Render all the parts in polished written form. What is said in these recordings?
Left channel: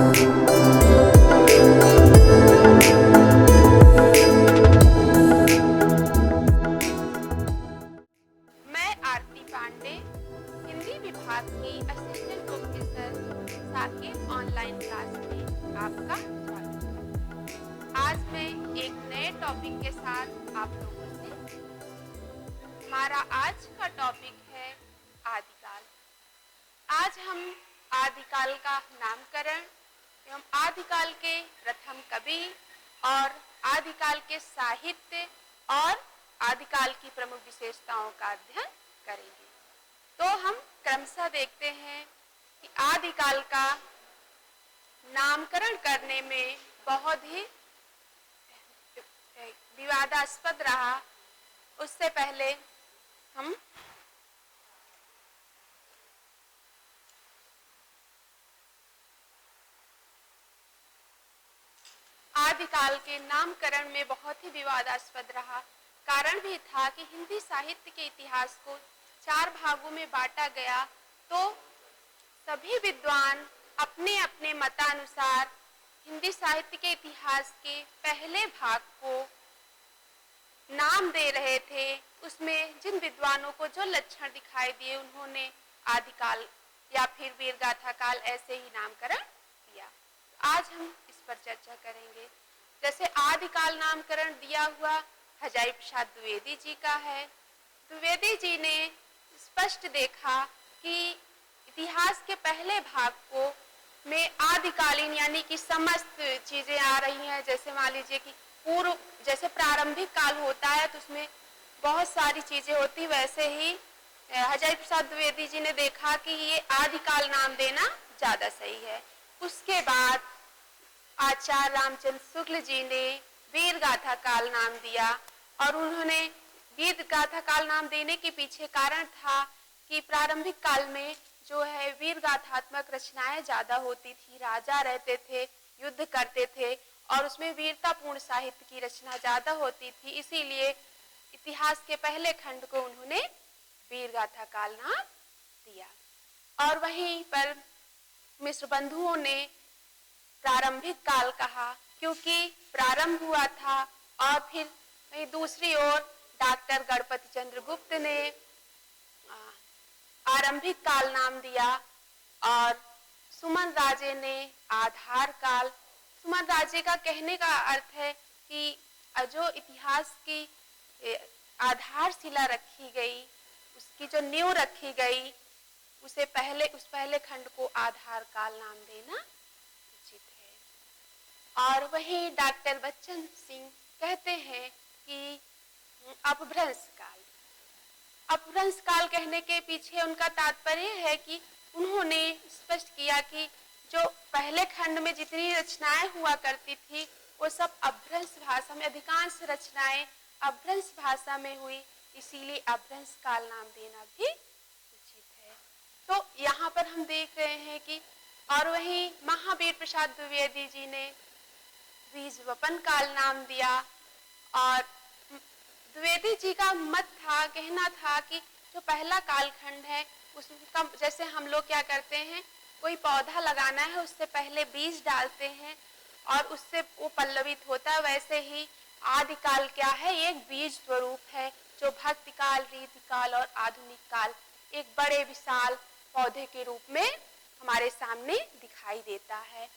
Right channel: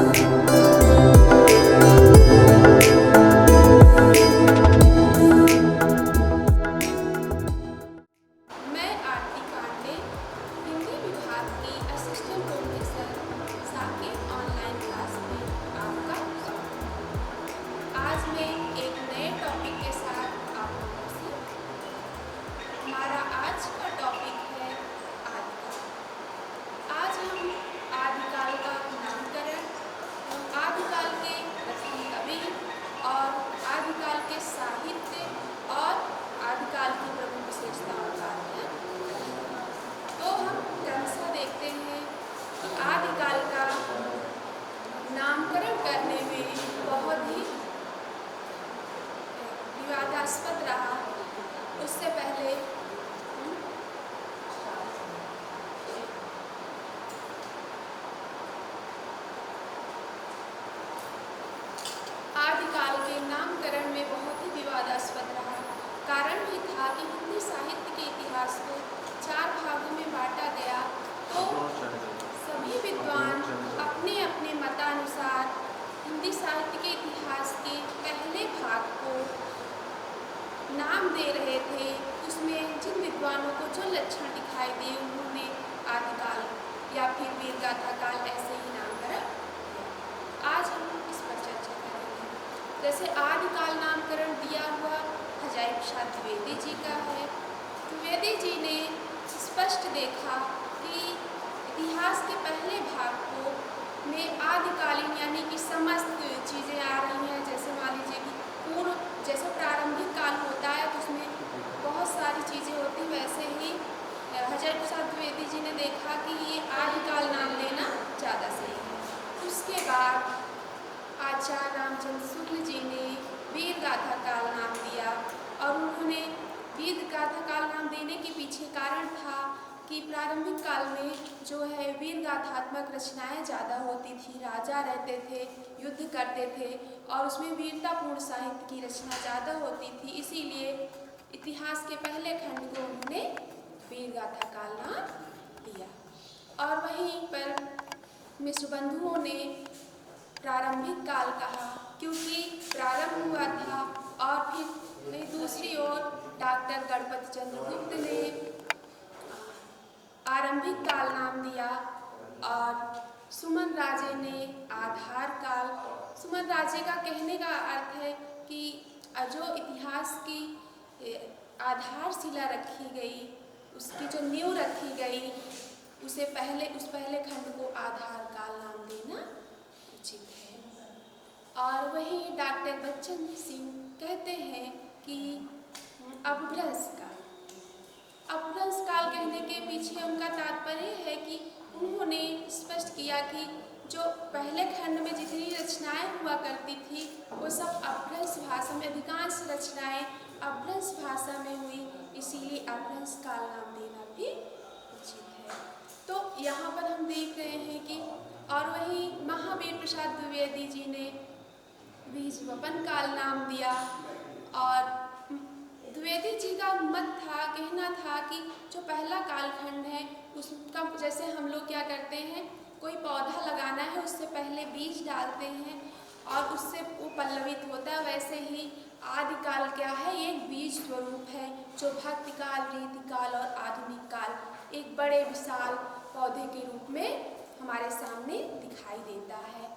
मैं आरती पांडे, हिंदी विभाग की assistant professor, Saket online class में आपका स्वागत। आज मैं एक नए टॉपिक के साथ आप लोगों से हमारा आज का टॉपिक है आदिकाल। आज हम आदिकाल का नामकरण, आदिकाल के प्रथम कवि और आदिकाल के साहित्य और आदिकाल की प्रमुख विशेषताओं का अध्ययन करेंगे। तो हम क्रमशः देखते हैं कि आदिकाल का नामकरण करने में बहुत ही विवादास्पद रहा। उससे पहले हम आदिकाल के नामकरण में बहुत ही विवादास्पद रहा। कारण ये था कि हिंदी साहित्य के इतिहास को 4 भागों में बांटा गया, तो सभी विद्वान अपने अपने मतानुसार हिंदी साहित्य के इतिहास के पहले भाग को नाम दे रहे थे। उसमें जिन विद्वानों को जो लक्षण दिखाई दिए उन्होंने आदिकाल या फिर वीरगाथा काल ऐसे ही नामकरण किया। आज हम इस पर चर्चा करेंगे। जैसे आदिकाल नामकरण दिया हुआ अजायब प्रसाद द्विवेदी जी का है। द्विवेदी जी ने स्पष्ट देखा कि इतिहास के पहले भाग को में आदिकालीन यानी कि समस्त चीज़ें आ रही हैं। जैसे मान लीजिए कि पूर्व जैसे प्रारंभिक काल होता है तो उसमें बहुत सारी चीज़ें होती, वैसे ही अजायब प्रसाद द्विवेदी जी ने देखा कि ये आदिकाल नाम देना ज़्यादा सही है। उसके बाद आचार्य रामचंद्र शुक्ल जी ने वीरगाथा काल नाम दिया और उन्होंने वीरगाथा काल नाम देने के पीछे कारण था कि प्रारंभिक काल में जो है वीरगाथात्मक रचनाएं ज़्यादा होती थी। राजा रहते थे, युद्ध करते थे और उसमें वीरतापूर्ण साहित्य की रचना ज़्यादा होती थी। इसीलिए इतिहास के पहले खंड को उन्होंने वीरगाथा काल नाम दिया। और वहीं पर मिश्र बंधुओं ने प्रारंभिक काल कहा क्योंकि प्रारंभ हुआ था। और फिर दूसरी ओर डॉक्टर गणपति चंद्रगुप्त ने आरंभिक काल नाम दिया और सुमन राजे ने आधार काल। सुमन राजे का कहने का अर्थ है कि जो इतिहास की आधारशिला रखी गई, उसकी जो नींव रखी गई, उस पहले खंड को आधार काल नाम देना उचित है। और वही डॉक्टर बच्चन सिंह कहते हैं कि अपभ्रंश काल। अपभ्रंश काल कहने के पीछे उनका तात्पर्य है कि उन्होंने स्पष्ट किया कि जो पहले खंड में जितनी रचनाएं हुआ करती थी वो सब अपभ्रंश भाषा में, अधिकांश रचनाएं अपभ्रंश भाषा में हुई, इसीलिए अपभ्रंश काल नाम देना भी उचित है। तो यहाँ पर हम देख रहे हैं कि और वहीं महावीर प्रसाद द्विवेदी जी ने बीजवपन काल नाम दिया। और द्विवेदी जी का मत था, कहना था कि जो पहला कालखंड है उसका जैसे हम लोग क्या करते हैं, कोई पौधा लगाना है उससे पहले बीज डालते हैं और उससे वो पल्लवित होता है, वैसे ही आदिकाल क्या है, एक बीज स्वरूप है जो भक्ति काल, रीति काल और आधुनिक काल एक बड़े विशाल पौधे के रूप में हमारे सामने दिखाई देता है।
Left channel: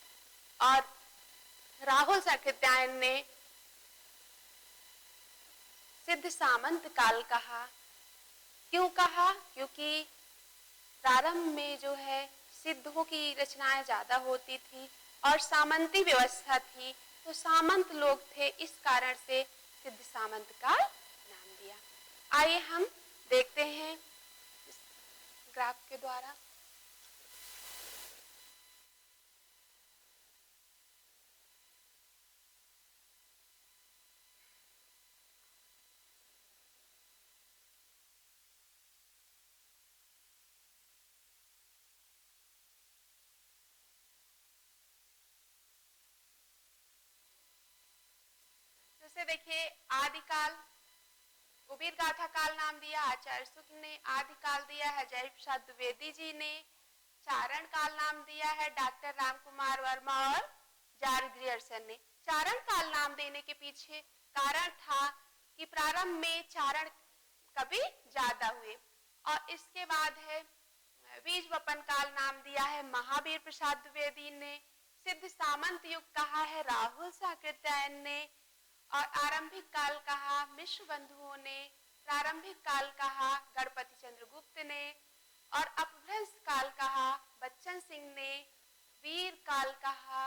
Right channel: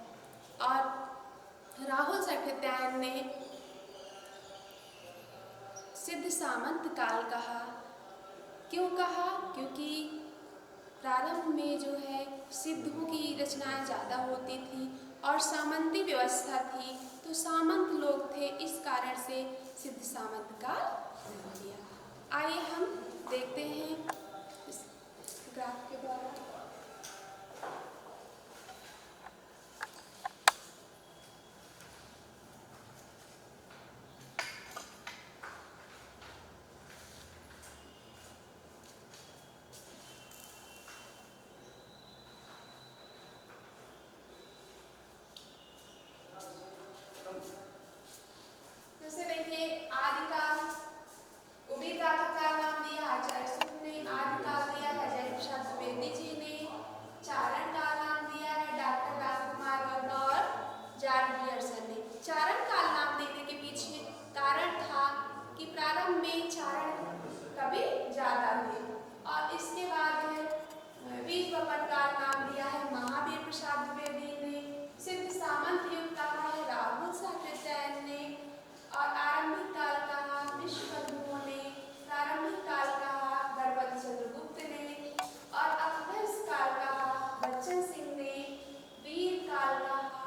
और राहुल साकृत्यायन ने सिद्ध सामंत काल कहा। क्यों कहा? क्योंकि प्रारंभ में जो है सिद्धों की रचनाएं ज़्यादा होती थी और सामंती व्यवस्था थी, तो सामंत लोग थे, इस कारण से सिद्ध सामंत काल नाम दिया। आइए हम देखते हैं इस ग्राफ के द्वारा। वीरगाथा काल नाम दिया आचार्य शुक्ल ने, आदिकाल दिया अजायब प्रसाद द्विवेदी जी ने। प्रसाद द्विवेदी ने, सिद्ध सामंत युग कहा है राहुल साकृत्यायन ने, और आरंभिक काल कहा विश्वबंधुओं ने, प्रारंभिक काल कहा गणपति चंद्रगुप्त ने, और अपभ्रंश काल कहा बच्चन सिंह ने, वीर काल कहा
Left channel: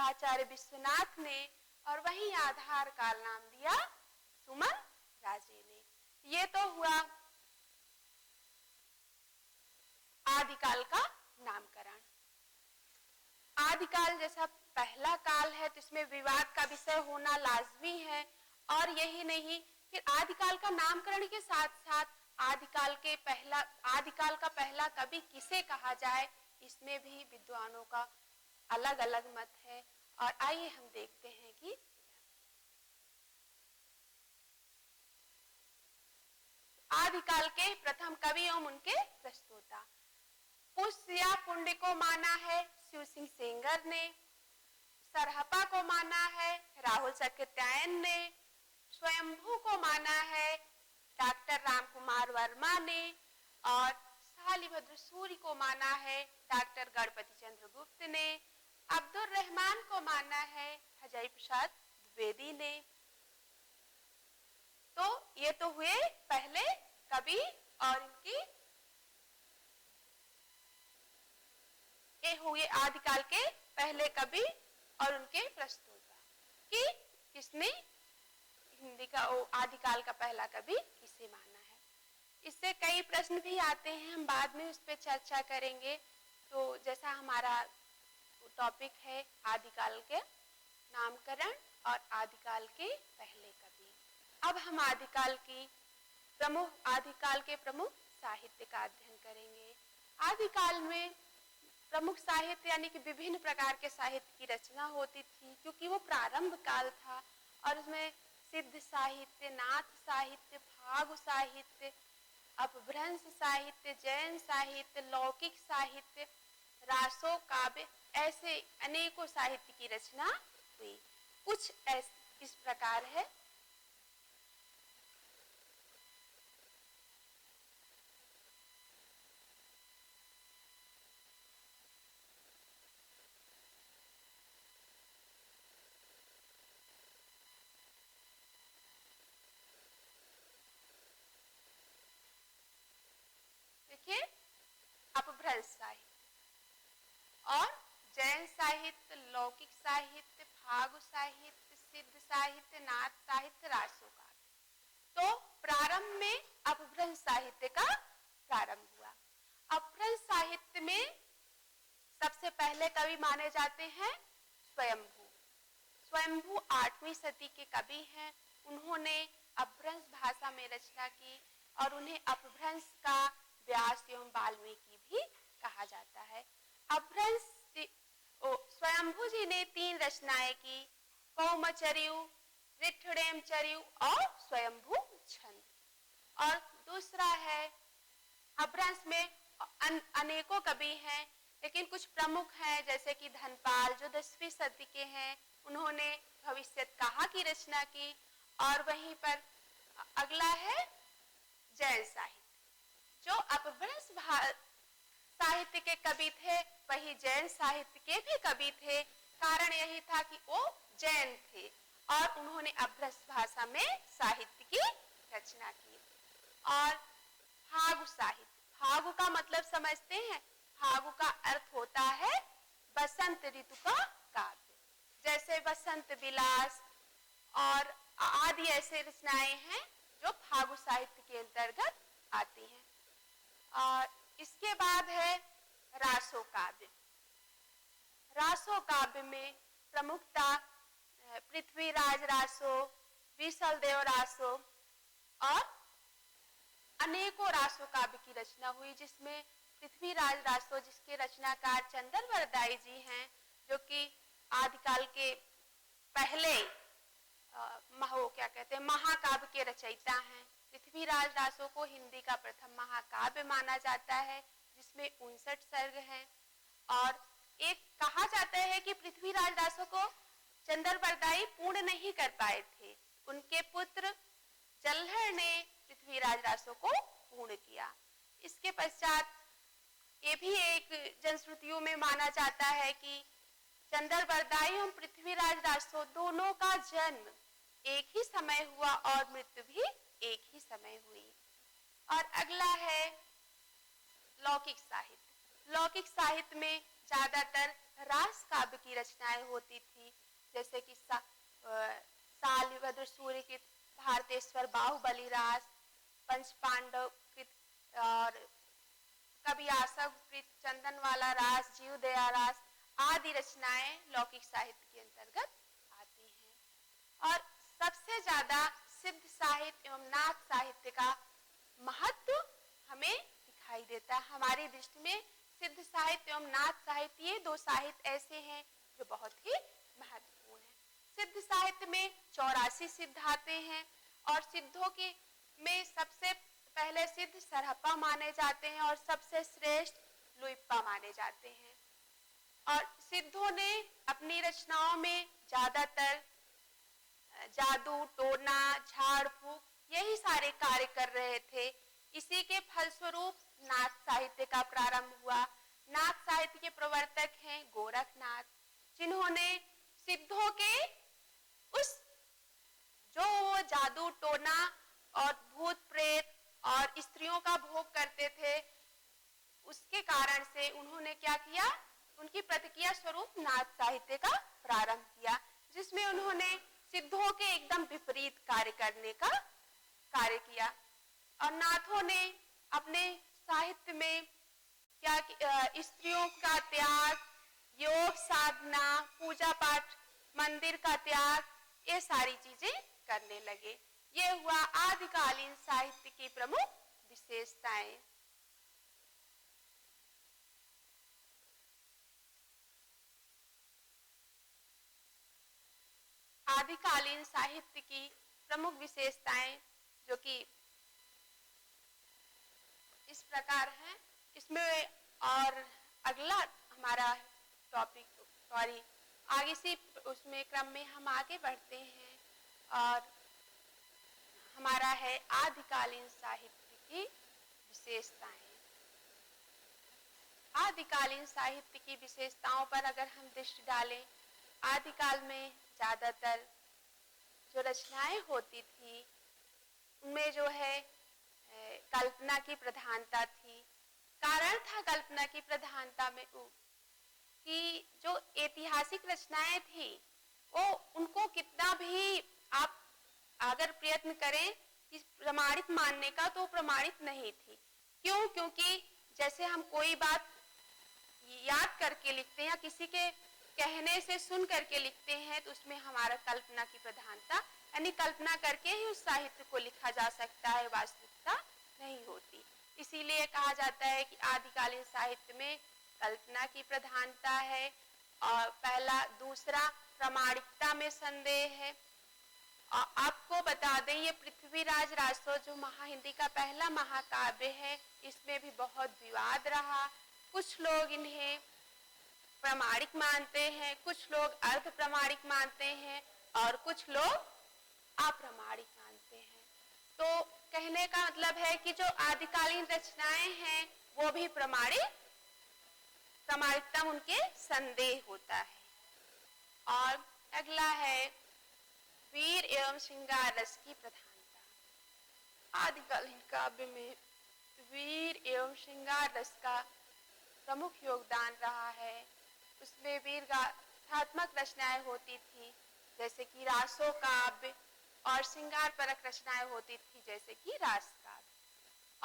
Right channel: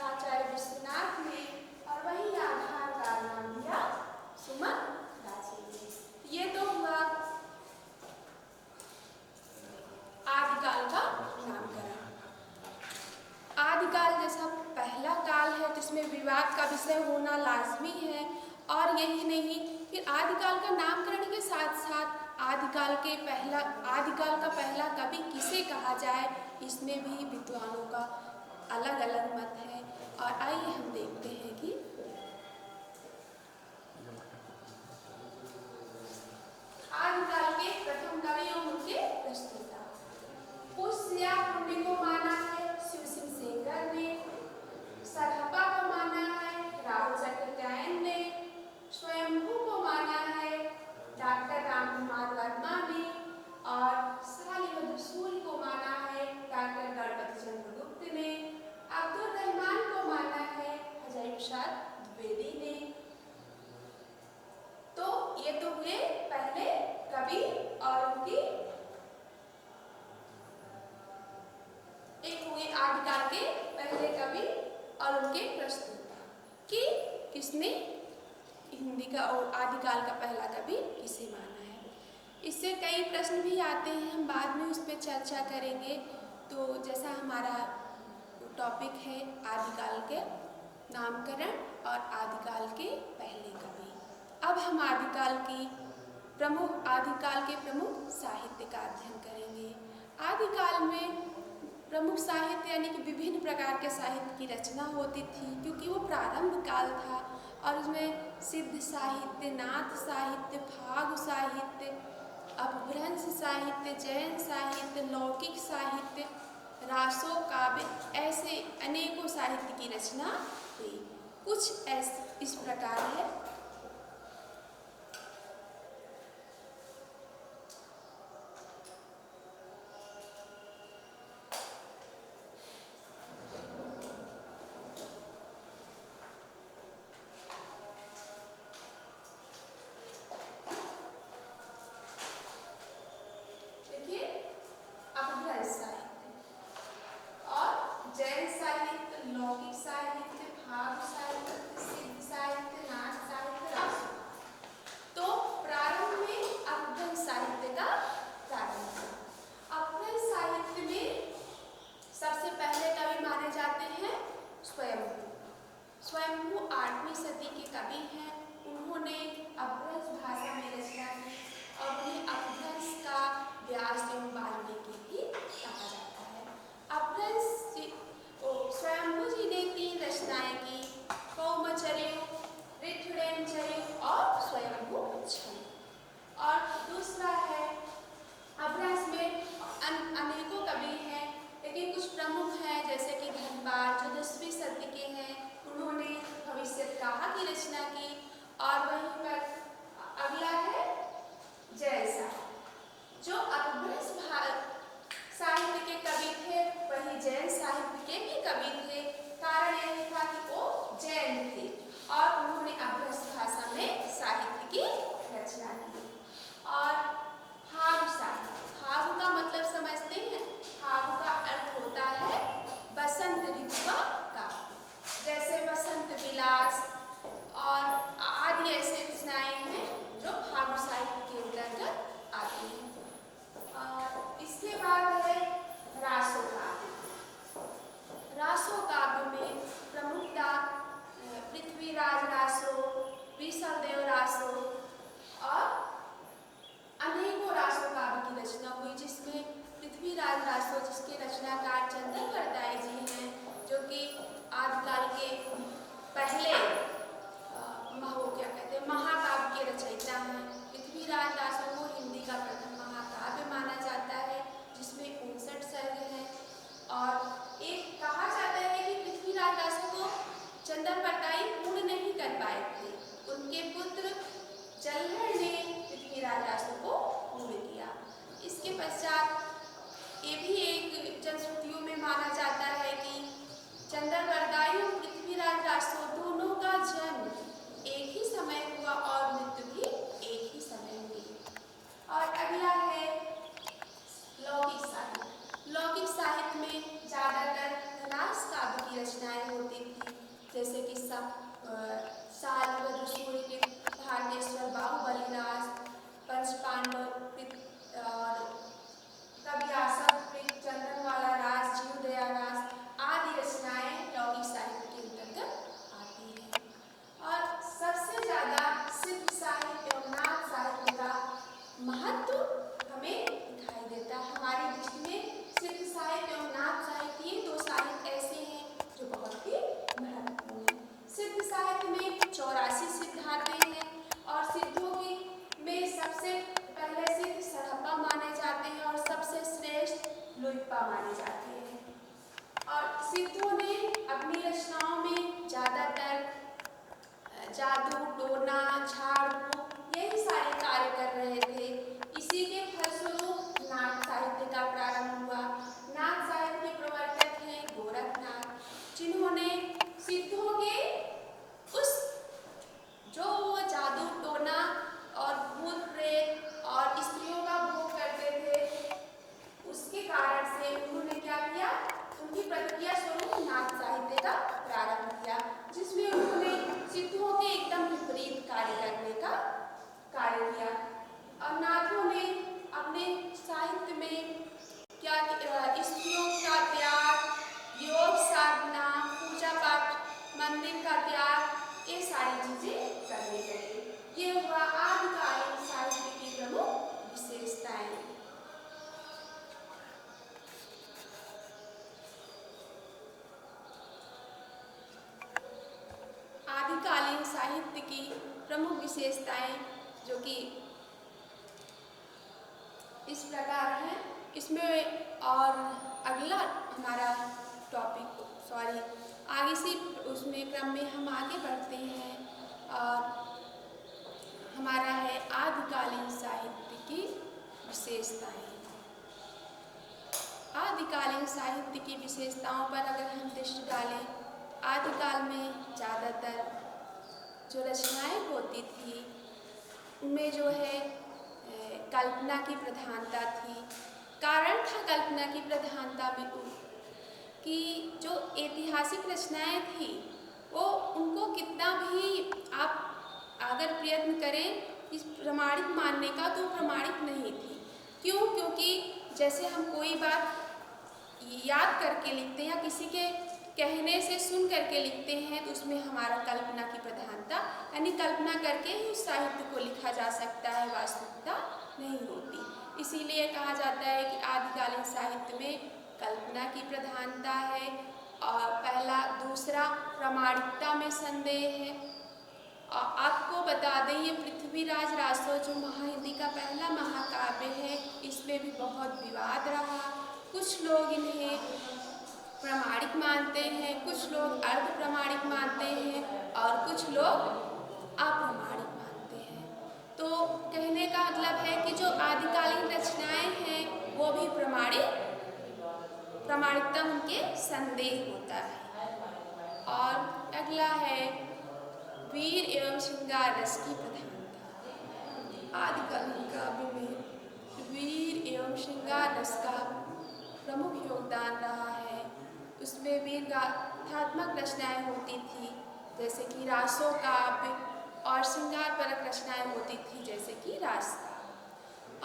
आचार्य विश्वनाथ ने, और वही आधार का नाम दिया सुमन राजे ने। ये तो हुआ आदिकाल का नामकरण। आदिकाल जैसा पहला काल है जिसमें विवाद का विषय होना लाजमी है, और यही नहीं कि आदिकाल का नामकरण के साथ साथ आदिकाल का पहला कवि किसे कहा जाए, इसमें भी विद्वानों का अलग अलग मत है। और आइए हम देखते हैं कि आदिकाल के प्रथम कवि एवं उनके प्रस्तुता। पुष्य कुंड को माना है शिव सिंह सेंगर ने, सरहपा को माना है राहुल साकृत्यायन ने, स्वयंभू को माना है डॉक्टर रामकुमार वर्मा ने, और शालिभद्र सूर्य को माना है डॉक्टर गणपति चंद्रगुप्त ने, अब्दुल रहमान को माना है अजय प्रसाद द्विवेदी ने। तो ये तो हुए पहले कवि और उनकी, एक हुए आदिकाल के पहले कवि और उनके प्रस्तुता कि किसने हिंदी का और आदिकाल का पहला कवि किसे माना है। इससे कई प्रश्न भी आते हैं, हम बाद में उस पर चर्चा करेंगे। तो जैसा हमारा टॉपिक है आदिकाल के नामकरण और आदिकाल के पहले कवि, अब हम आदिकाल के प्रमुख साहित्य का अध्ययन करेंगे। आदिकाल में प्रमुख साहित्य यानी कि विभिन्न प्रकार के साहित्य की रचना होती थी, क्योंकि वो प्रारंभ काल था और उसमें सिद्ध साहित्य, नाथ साहित्य, फाग साहित्य, अपभ्रंश साहित्य, जैन साहित्य, लौकिक साहित्य, रासो, काव्य, ऐसे अनेकों साहित्य की रचना हुई। कुछ इस प्रकार है। देखिए, अपभ्रंश साहित्य और जैन साहित्य, लौकिक साहित्य, भाग साहित्य, सिद्ध साहित्य, नाथ साहित्य, रासो। तो प्रारंभ में अपभ्रंश साहित्य का प्रारंभ हुआ। अपभ्रंश साहित्य में सबसे पहले कवि माने जाते हैं स्वयंभू। स्वयंभू 8वीं सदी के कवि हैं। उन्होंने अपभ्रंश भाषा में रचना की और उन्हें अपभ्रंश का व्यास एवं वाल्मीकि भी कहा जाता है। अपभ्रंश स्वयंभू जी ने 3 रचनाएं की, कौमचर्यु, ऋक्षुडेमचर्यु और स्वयंभू छंद। और दूसरा है अपभ्रंश में अनेकों कवि हैं, लेकिन कुछ प्रमुख हैं जैसे कि धनपाल जो 10वीं सदी के हैं, उन्होंने भविष्यत्काहा की रचना की। और वहीं पर अगला है जैन साहित्य जो अपभ्रंश साहित्य के कवि थे, वही जैन साहित्य के भी कवि थे। कारण यही था कि वो जैन थे और उन्होंने अपभ्रंश भाषा में साहित्य की रचना की। और फाग साहित्य, फाग का मतलब समझते हैं? फाग का अर्थ होता है बसंत ऋतु का काव्य, जैसे बसंत विलास और आदि ऐसे रचनाएं हैं जो फाग साहित्य के अंतर्गत आती हैं। और इसके बाद है रासो काव्य। रासो काव्य में प्रमुखता पृथ्वीराज रासो, विशलदेव रासो और अनेकों रासो काव्य की रचना हुई, जिसमें पृथ्वीराज रासो जिसके रचनाकार चंदन वरदाई जी हैं, जो कि आदिकाल के पहले महाकाव्य के रचयिता हैं। पृथ्वीराज रासो को हिंदी का प्रथम महाकाव्य माना जाता है, जिसमें 59 सर्ग हैं। और एक कहा जाता है कि पृथ्वीराज रासो को चंदन वरदाई पूर्ण नहीं कर पाए थे, उनके पुत्र जलहर ने पृथ्वीराज रासो को पूर्ण किया। इसके पश्चात ये भी एक जनश्रुतियों में माना जाता है कि चंद्रवरदाई और पृथ्वीराज रासो दोनों का जन्म एक ही समय हुआ और मृत्यु भी एक ही समय हुई। और अगला है लौकिक साहित्य। लौकिक साहित्य में ज्यादातर रास काव्य की रचनाएं होती थी, जैसे कि साल रुद्र सूर्य के भारतेश्वर बाहुबली रास, पंचपांडव और कवियासक चंदनवाला रास, जीवदया रास आदि रचनाएं लौकिक साहित्य के अंतर्गत आती हैं। और सबसे ज्यादा सिद्ध साहित्य और नाथ साहित्य का महत्व हमें दिखाई देता है। हमारी दृष्टि में सिद्ध साहित्य और नाथ साहित्य ये दो साहित्य ऐसे हैं जो बहुत ही महत्वपूर्ण हैं। सिद्ध साहित्य में 84 सिद्ध आते हैं और सिद्धों की में सबसे पहले सिद्ध सरहप्पा माने जाते हैं और सबसे श्रेष्ठ लुइप्पा माने जाते हैं। और सिद्धों ने अपनी रचनाओं में ज्यादातर जादू, टोना, झाड़ फूक यही सारे कार्य कर रहे थे। इसी के फलस्वरूप नाथ साहित्य का प्रारंभ हुआ। नाथ साहित्य के प्रवर्तक हैं गोरखनाथ, जिन्होंने सिद्धों के उस जो वो जादू, टोना और भूत प्रेत और स्त्रियों का भोग करते थे, उसके कारण से उन्होंने क्या किया, उनकी प्रतिक्रिया स्वरूप नाथ साहित्य का प्रारंभ किया, जिसमें उन्होंने सिद्धों के एकदम विपरीत कार्य करने का कार्य किया। और नाथों ने अपने साहित्य में क्या स्त्रियों का त्याग, योग साधना, पूजा पाठ, मंदिर का त्याग, ये सारी चीजें करने लगे। ये हुआ आदिकालीन साहित्य की प्रमुख विशेषताएं। आदिकालीन साहित्य की प्रमुख विशेषताएं जो कि इस प्रकार है। इसमें और अगला हमारा टॉपिक आगे से उसमें क्रम में हम आगे बढ़ते हैं और हमारा है आदिकालीन साहित्य की विशेषताएं। आदिकालीन साहित्य की विशेषताओं पर अगर हम दृष्टि डालें, आदिकाल में ज़्यादातर जो रचनाएं होती थी उनमें जो है कल्पना की प्रधानता थी। कारण था कल्पना की प्रधानता में कि जो ऐतिहासिक रचनाएं थी वो उनको कितना भी आप अगर प्रयत्न करें इस प्रमाणित मानने का तो प्रमाणित नहीं थी। क्यों? क्योंकि जैसे हम कोई बात याद करके लिखते हैं या किसी के कहने से सुन करके लिखते हैं तो उसमें हमारा कल्पना की प्रधानता यानी कल्पना करके ही उस साहित्य को लिखा जा सकता है, वास्तविकता नहीं होती। इसीलिए कहा जाता है कि आदिकालीन साहित्य में कल्पना की प्रधानता है और पहला, दूसरा प्रामाणिकता में संदेह है। और आपको बता दें ये पृथ्वीराज रासो जो महाहिंदी का पहला महाकाव्य है, इसमें भी बहुत विवाद रहा। कुछ लोग इन्हें प्रामाणिक मानते हैं, कुछ लोग अर्ध प्रामाणिक मानते हैं और कुछ लोग अप्रामाणिक मानते हैं। तो कहने का मतलब है कि जो आदिकालीन रचनाएं हैं वो भी प्रामाणिकता उनके संदेह होता है। और अगला है वीर एवं श्रृंगार रस की प्रधानता। आदिकालीन काव्य में वीर एवं श्रृंगार रस का प्रमुख योगदान रहा है। उसमें वीर गाथात्मक रचनाएं होती थी जैसे कि रासो काव्य और श्रृंगार परक रचनाएं होती थी जैसे कि रास।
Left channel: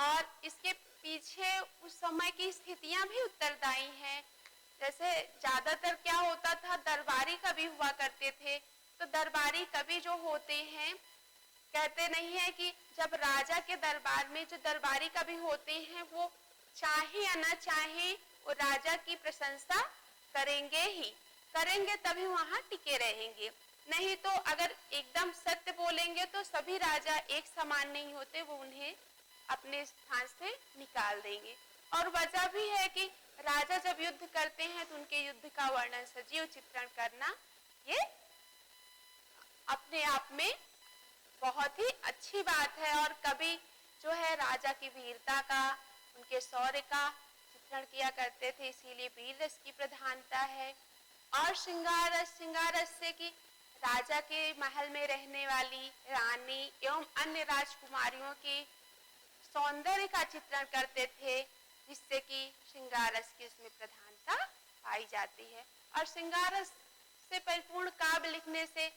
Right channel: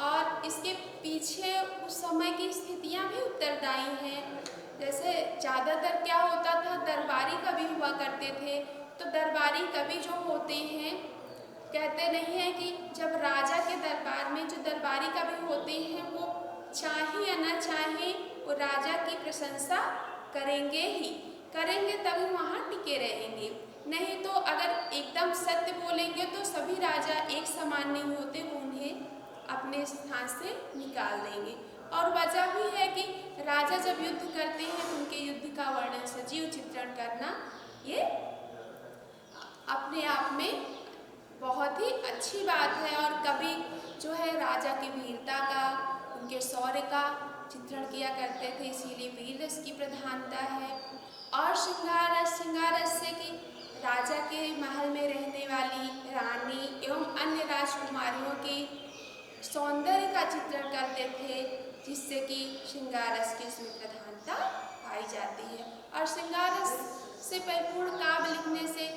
और इसके पीछे उस समय की स्थितियां भी उत्तरदायी हैं। जैसे ज़्यादातर क्या होता था, दरबारी कवि हुआ करते थे। तो दरबारी कवि जो होते हैं, कहते नहीं है कि जब राजा के दरबार में जो दरबारी कवि होते हैं वो चाहे या न चाहे वो राजा की प्रशंसा करेंगे ही करेंगे, तभी वहाँ टिके रहेंगे। नहीं तो अगर एकदम सत्य बोलेंगे तो सभी राजा एक समान नहीं होते, वो उन्हें अपने स्थान से निकाल देंगे। और वजह भी है कि राजा जब युद्ध करते हैं तो उनके युद्ध का वर्णन, सजीव चित्रण करना ये अपने आप में बहुत ही अच्छी बात है। और कवि जो है राजा की वीरता का, उनके शौर्य का चित्रण किया करते थे, इसीलिए वीर रस की प्रधानता है। और श्रृंगार रस से कि राजा के महल में रहने वाली रानी एवं अन्य राजकुमारियों के सौंदर्य का चित्रण करते थे, जिससे कि श्रृंगार रस की इसमें प्रधानता पाई जाती है। और श्रृंगार रस से परिपूर्ण काव्य लिखने से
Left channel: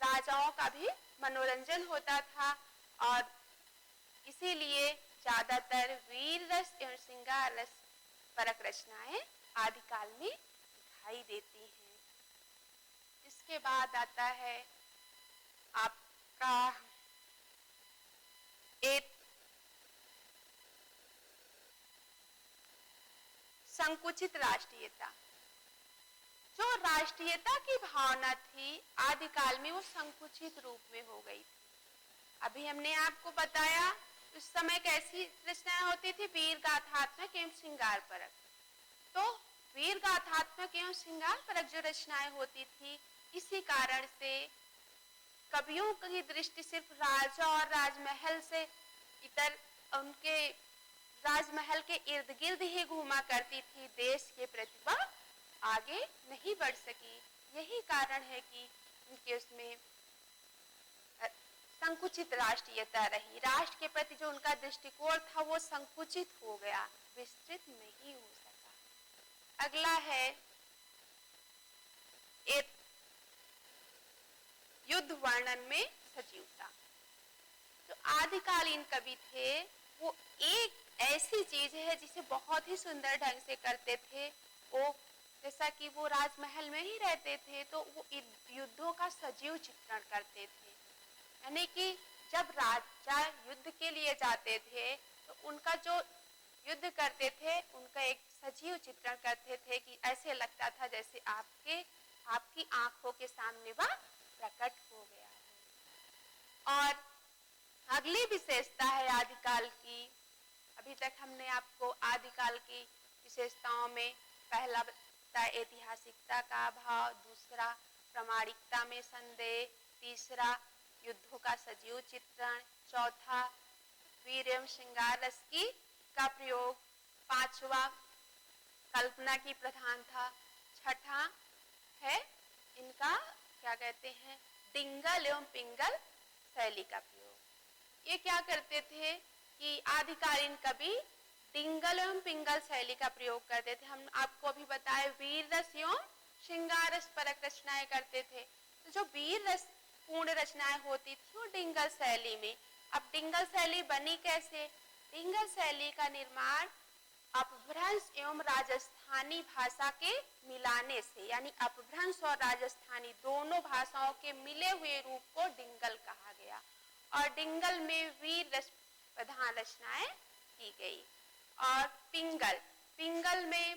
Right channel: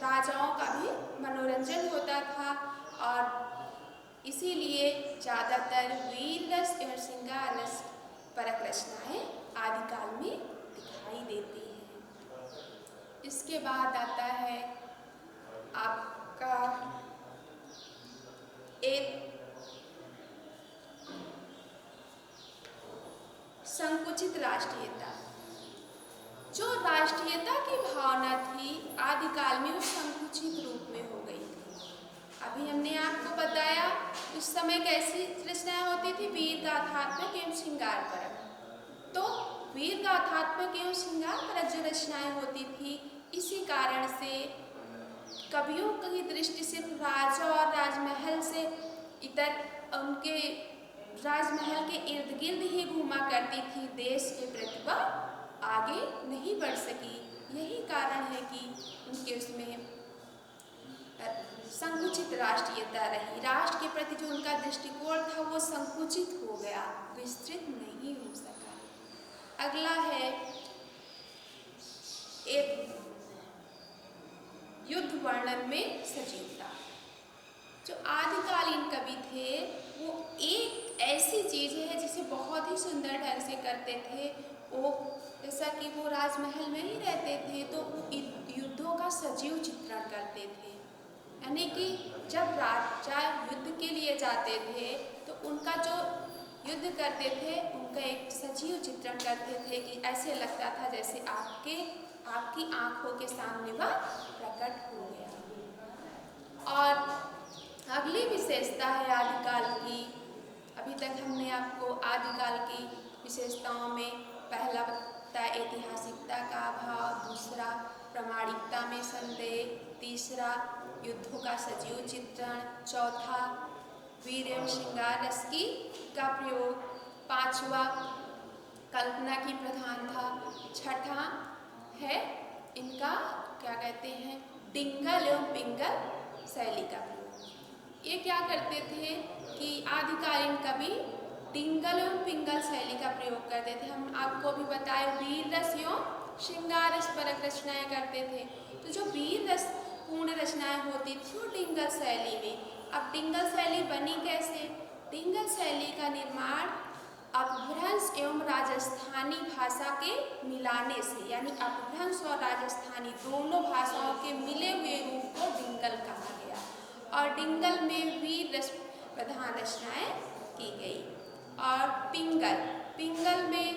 राजाओं का भी मनोरंजन होता था, और इसीलिए ज्यादातर वीर रस एवं श्रृंगार रस परक रचनाएं आदिकाल में दिखाई देती हैं। इसके बाद आता है आपका एक संकुचित राष्ट्रीयता। जो राष्ट्रीयता की भावना थी आदिकाल में वो संकुचित रूप में हो गई थी। अभी हमने आपको बताया उस समय कैसी रचनाएं होती थी, वीर गाथात्मक एवं श्रृंगार परक। तो वीर गाथात्मक एवं श्रृंगार परक जो रचनाएं होती थी, इसी कारण से कवियों की दृष्टि सिर्फ राजा और राजमहल से इतर उनके राजमहल के इर्द गिर्द ही घूमा करती थी, देश की प्रतिभा आगे नहीं बढ़ सकी। यही कारण है कि उनके उसमें संकुचित राष्ट्रीयता रही। राष्ट्र के प्रति जो उनका दृष्टिकोण था वो संकुचित हो गया, विस्तृत नहीं हो सका। अगला है एक युद्ध वर्णन में सजीवता। जो आदिकालीन कवि थे वो एक ऐसी चीज है जिसे बहुत ही सुंदर ढंग से करते थे। वो जैसा कि वो राजमहल में ही रहते थे तो वो युद्धों का सजीव चित्रण करते थे, यानी कि जब राजा युद्ध के लिए जाते थे तो उनका जो युद्ध करते थे उनका एक सजीव चित्रण करते थे कि ऐसे लगता था जैसे आपकी आंखों के सामने वह प्रकट हो गया। और अगली विशेषता है आदिकाल की। अभी तक हमने आपको आदिकाल की विशेषताओं में पहला बताया ऐतिहासिकता का अभाव, दूसरा प्रामाणिकता में संदेह, तीसरा युद्धों का सजीव चित्रण, चौथा वीर एवं श्रृंगार रस की का प्रयोग, पांचवा कल्पना की प्रधानता, छठा है इनका क्या कहते हैं डिंगल एवं पिंगल शैली का प्रयोग। ये क्या करते थे कि आदिकालीन कवि डिंगल एवं पिंगल शैली का प्रयोग करते थे। हम आपको अभी बताए वीर रस एवं श्रृंगार रस परक रचनाएं करते थे। तो जो वीर रस पूर्ण रचनाएं होती थी वो डिंगल शैली में। अब डिंगल शैली बनी कैसे? डिंगल शैली का निर्माण अपभ्रंश एवं राजस्थानी भाषा के मिलाने से, यानी अपभ्रंश और राजस्थानी दोनों भाषाओं के मिले हुए रूप को डिंगल कहा गया। और डिंगल में वीर रस प्रधान रचनाएं की गई। और पिंगल में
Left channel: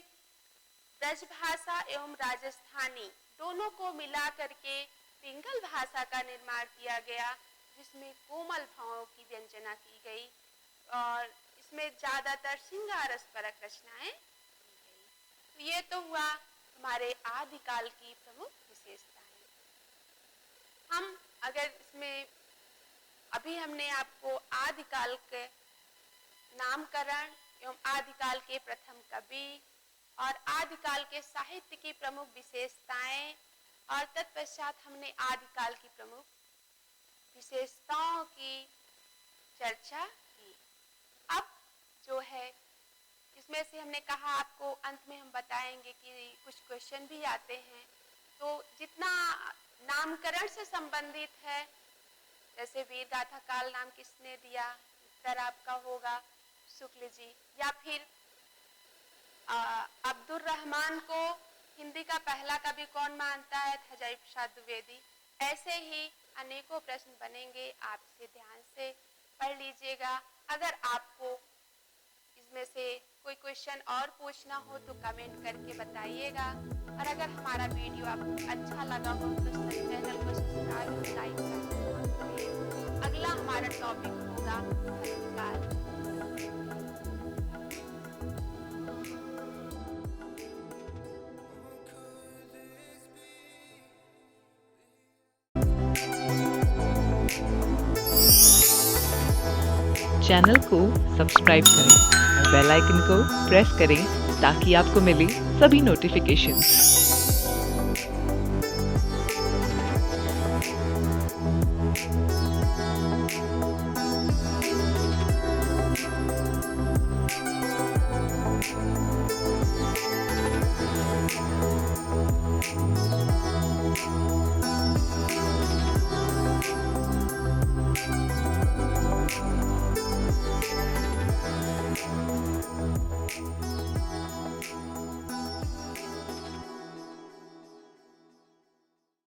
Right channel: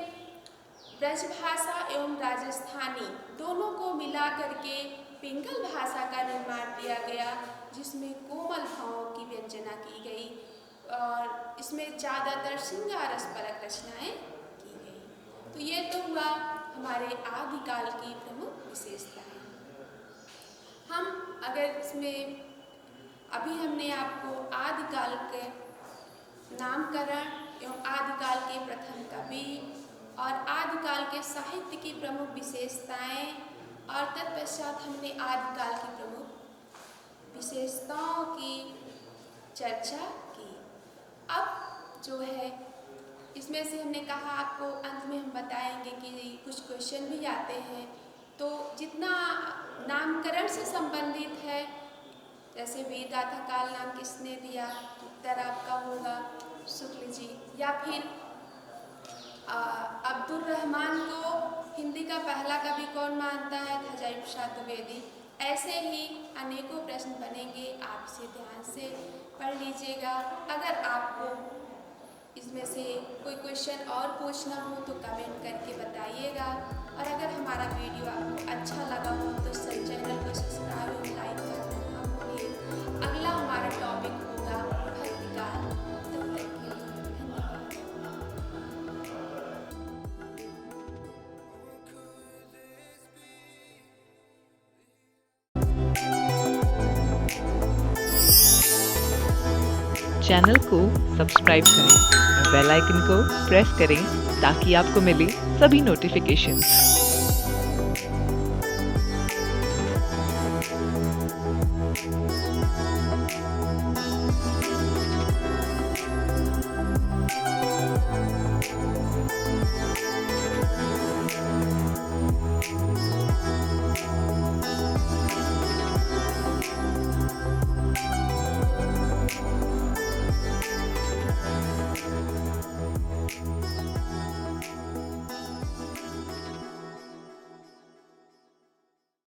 ब्रजभाषा एवं राजस्थानी दोनों को मिला करके पिंगल भाषा का निर्माण किया गया, जिसमें कोमल भावों की व्यंजना की गई और इसमें ज्यादातर श्रृंगार रस परक रचनाएं की गई। तो ये तो हुआ हमारे आदिकाल की प्रमुख विशेषताएं। हम अगर इसमें अभी हमने आपको आदिकाल के नामकरण एवं आदिकाल के प्रथम कवि और आदिकाल के साहित्य की प्रमुख विशेषताएं और तत्पश्चात हमने आदिकाल की प्रमुख विशेषताओं की चर्चा की। अब जो है इसमें से हमने कहा आपको अंत में हम बताएंगे कि कुछ क्वेश्चन भी आते हैं, तो जितना नामकरण से संबंधित है, जैसे वीर गाथा काल नाम किसने दिया, उत्तर आपका होगा शुक्ल जी, या फिर अब्दुल रहमान को हिंदी का पहला कवि कौन मानता है, अजय प्रसाद द्विवेदी। ऐसे ही अनेकों प्रश्न बनेंगे, आप इसे ध्यान से पढ़ लीजिएगा। अगर आपको इसमें से कोई क्वेश्चन और पूछना हो तो कमेंट करके बताइएगा। और अगर हमारा वीडियो आपको अच्छा लगा हो तो चैनल को सब्सक्राइब और लाइक करना। अगला हमारा टॉपिक होगा भक्तिकाल। चैनल को सब्सक्राइब करें और बेल आइकन को प्रेस करें ताकि आपको मिले सभी नोटिफिकेशंस।